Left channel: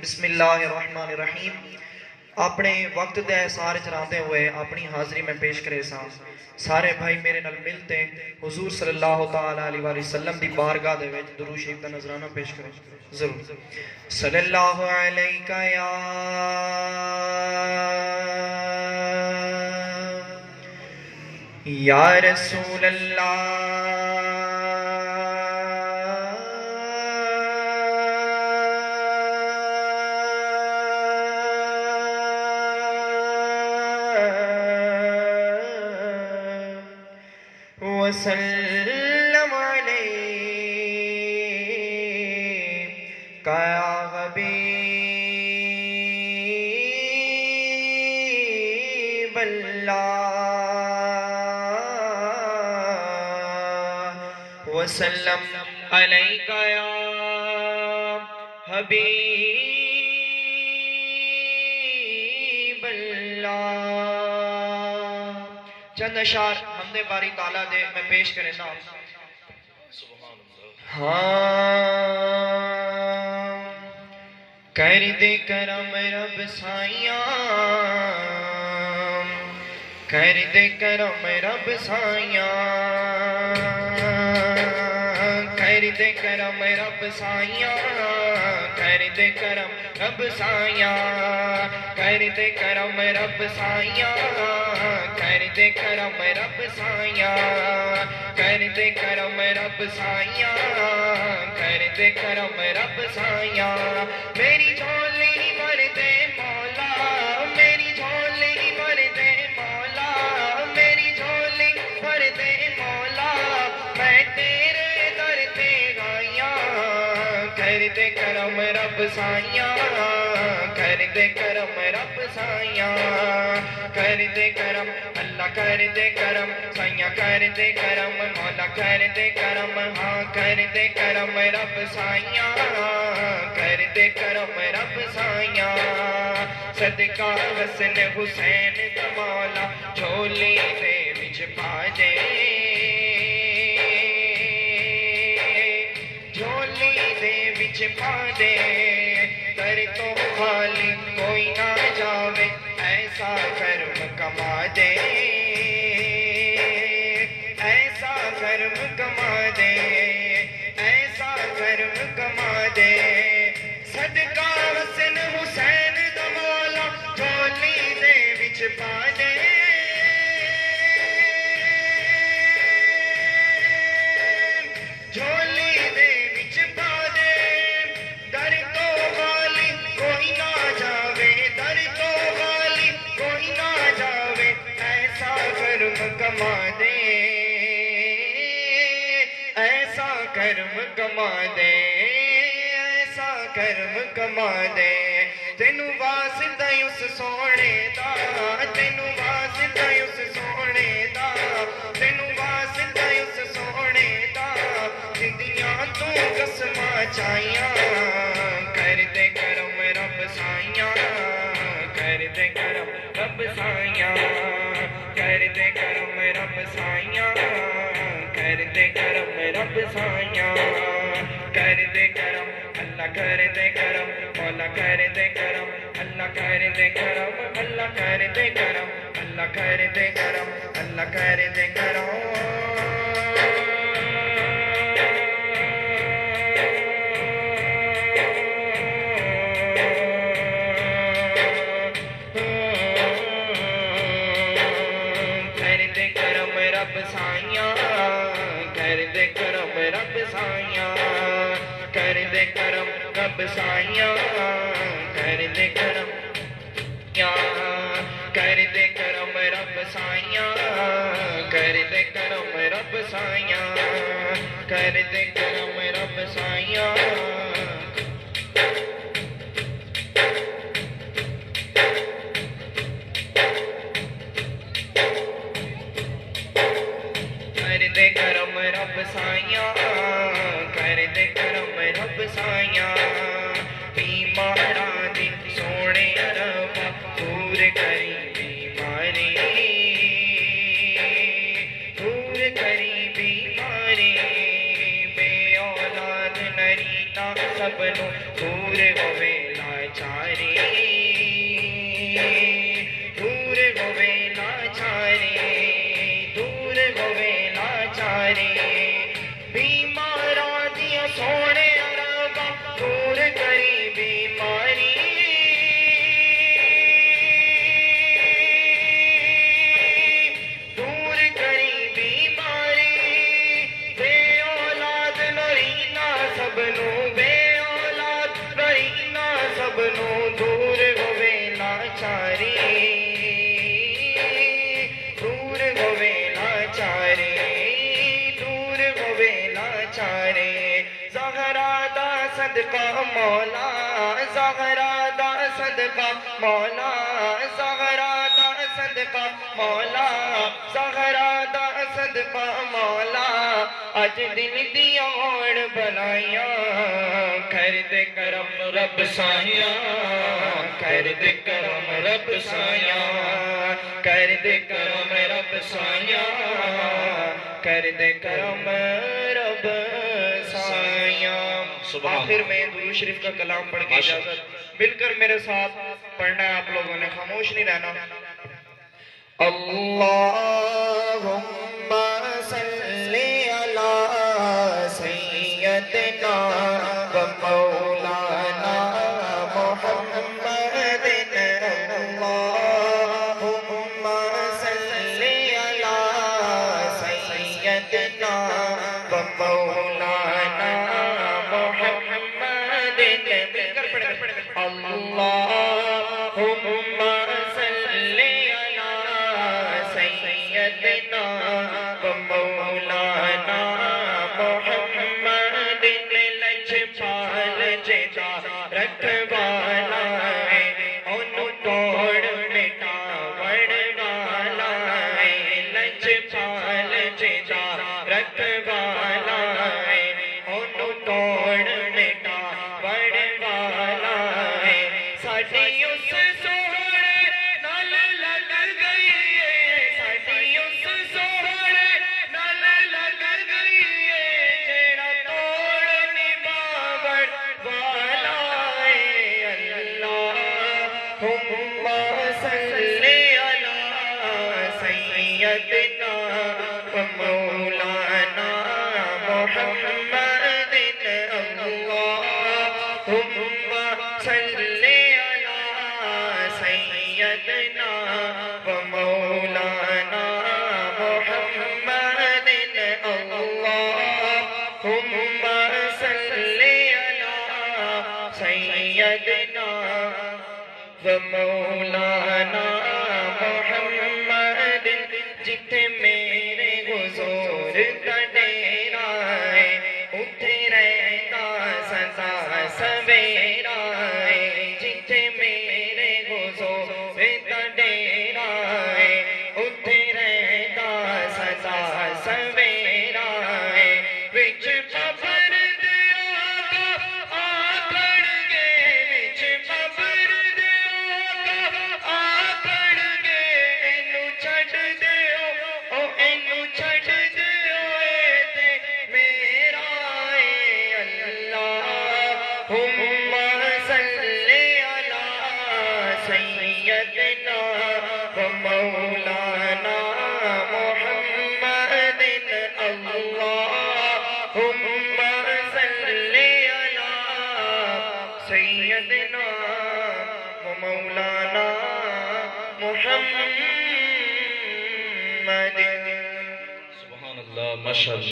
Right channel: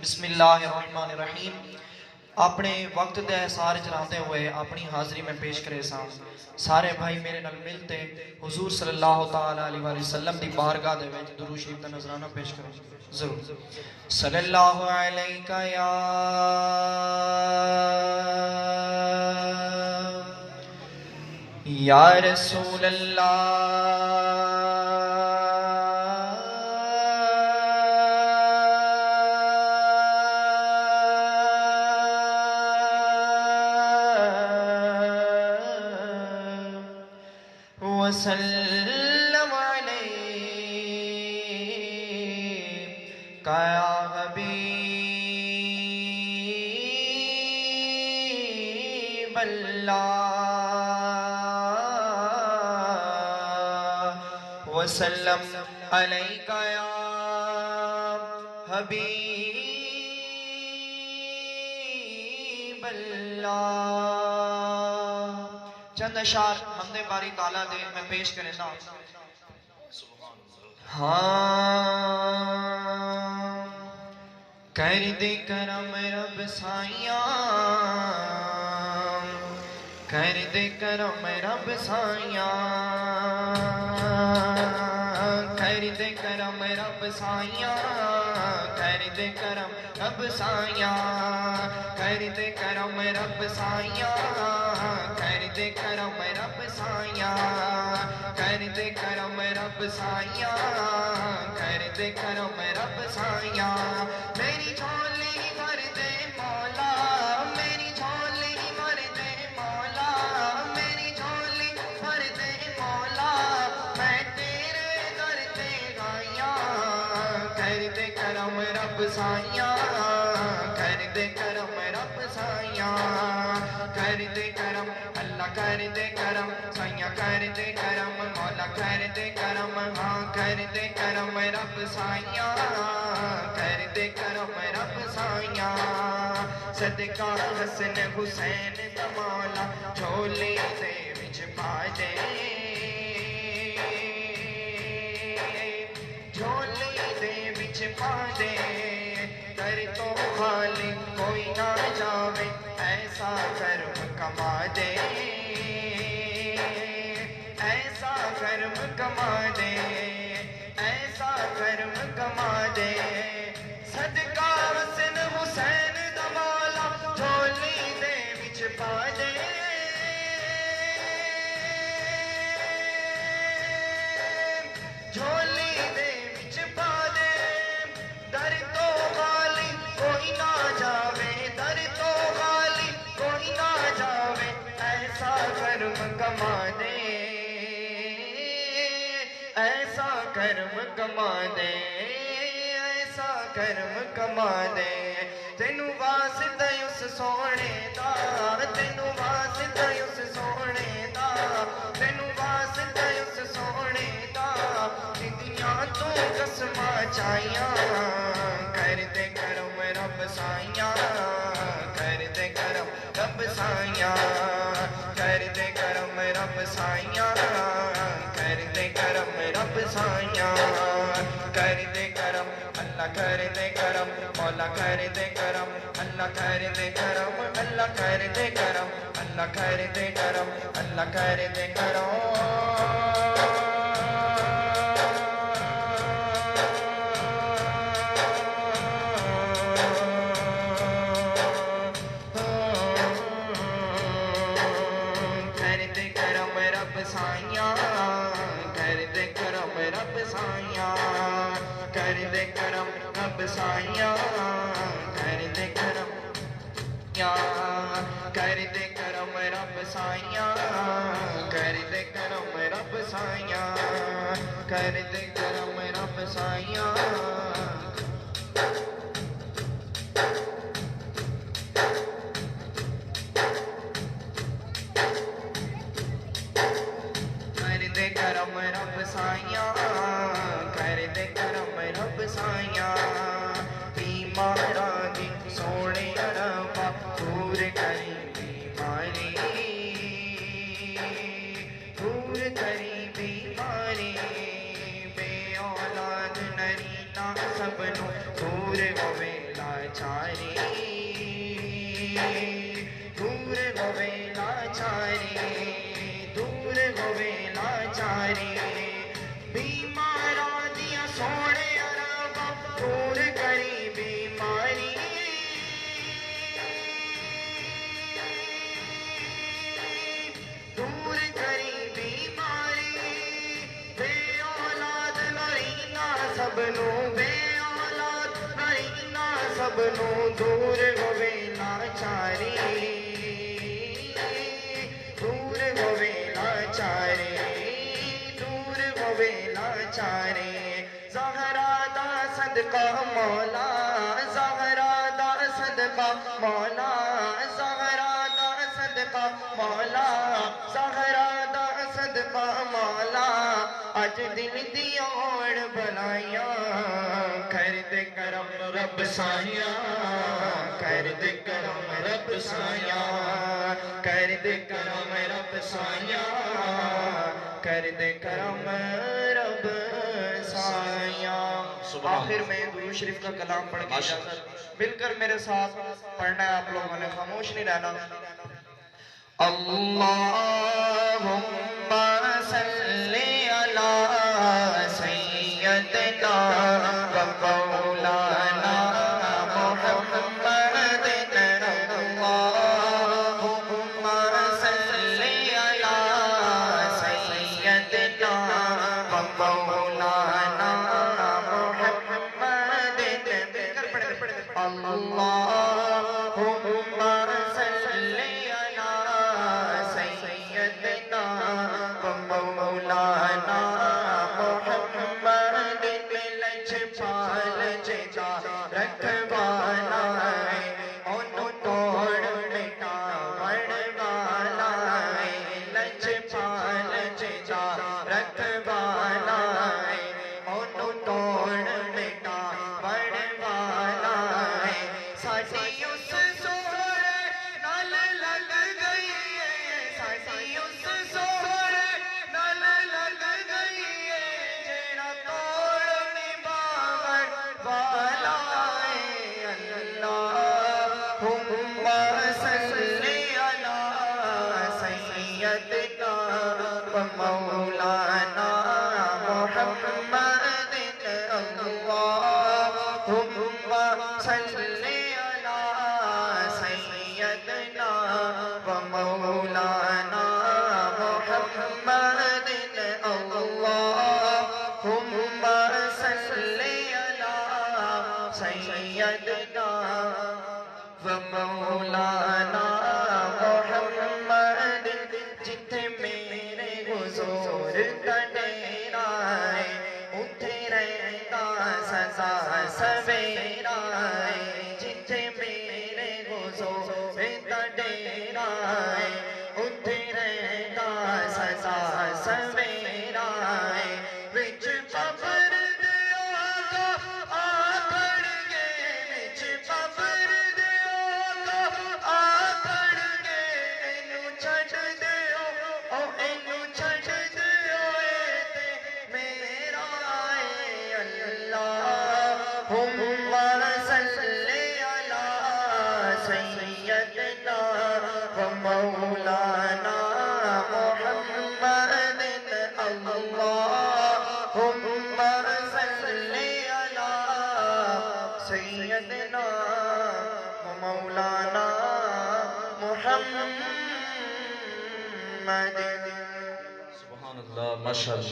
بسم اللہ الرحمن الرحیم. اپنے وقت دے احسار چلاتے ہوئے اپنی حاضری میں پیش کرے سان سارے بھائی میرے نال ملتے حضور صلی اللہ تعالی علیہ وآلہ وسلم دی بارگاہ دے وچ درود شریف دا نذرانہ پیش کرے ضرور. صلی اللہ علیہ یا رسول اللہ وسلم علیک یا حبیب اللہ وسلم علیک یا حبیب اللہ. چند اشعار حمد باری تعالیٰ دے میں پیش کرے نا. کر دے کرم رب سائیاں کر دے کرم رب سائیاں کر دے کرم رب سائیاں کر دے کرم رب سائیاں کر دے کرم رب سائیاں کر دے کرم رب سائیاں کر دے کرم رب سائیاں کر دے کرم رب سائیاں. میری جھولی بھر دے مولا میری جھولی بھر دے مولا میری جھولی بھر دے مولا میں تیرے در تے آئیاں کر دے کرم رب سائیاں کر دے کرم رب سائیاں کر دے کرم اللہ کر دے کرم سائیاں کر دے کرم مولا کر دے کرم ہاں کر دے کرم رب سائیاں کر دے کرم رب سائیاں. صدقہ حسن حسین دا مولا جھولی دے وچ پا دے جھولی دے وچ پا دے در تو خالی کوئی نہ جاوے ایسا کرم کما دے ایسا کرم کما دے ایسا کرم کما دے. صدقہ حسن حسین دا مولا جھولی دے وچ پا دے جھولی دے وچ پا دے در تو خالی کوئی نہ جاوے در تو خالی کوئی نہ جاوے ایسا کرم کما دے ایسا کرم کما دے ایسا کرم کما دے. تینوں واسطہ اس سونے دا تینوں واسطہ اس سونے دا تینوں واسطہ اس سونے دا زندیاں تو قسماں چاہیاں کر دے کرم رب سائیاں کر دے کرم رب سائیاں کر دے کرم رب سائیاں کر دے کرم رب سائیاں کر دے کرم اللہ کر دے کرم مولا کر دے کرم اللہ کر دے کرم اللہ کر دے کرم اللہ کر دے کرم اللہ کر دے کرم. کر دے کرم رب سائیاں کر دے کرم رب سائیاں کر دے کرم رب سائیاں کر دے کرم کر دے کرم رب سائیاں کر دے کرم رب سائیاں کر دے کرم رب سائیاں. کر دے کرم رب سائیاں کر دے کرم رب سائیاں بیماراں دی سب نو دور ہوے لاچاری دور ہوے لاچاری دور ہوے لاچاری زہرا دا صدقہ مولا زہرا دا صدقہ مولا زہرا دا صدقہ مولا زہرا دا صدقہ مولا اج دل دیا اوڑ بنائیاں کر دے کرم رب سائیاں کر دے کرم رب سائیاں کر دے کرم رب سائیاں کر دے کرم رب سائیاں آخر میں درود شریف کا کلام پڑھ کے اجازت مل کر میرے ساتھ پڑھنا ہے آپ لوگوں نے خاموش نہیں رہنا اللہم صلی علی سیدنا و مولانا محمد اللہم صلی علی سیدنا و مولانا محمد اللہم صلی سیدنا و مولانا محمد لجپال جا رکھوالا ہے ان توڑ مٹا وڑوالا ہے لجپال جا رکھوالا ہے ان توڑ مٹا وڑوالا ہے ساڈی اس سوڑے نال لگ گئی صلی علی سیدنا و مولانا محمد اللہم صلی علی سیدنا و مولانا محمد اللہم صلی علی سیدنا و مولانا محمد جتھے میرے حضور کا ڈیرا ہے اتھے رہتا سزا سویرا ہے جتھے میرے حضور کا ڈیرا ہے اتھے رہتا سزا سویرا ہے وچ قبر دیا آکڑ گے وچ قبر اللہم صلی علی سیدنا و مولانا محمد اللہم صلی علی سیدنا و مولانا محمد سبحان اللہ ماشاءاللہ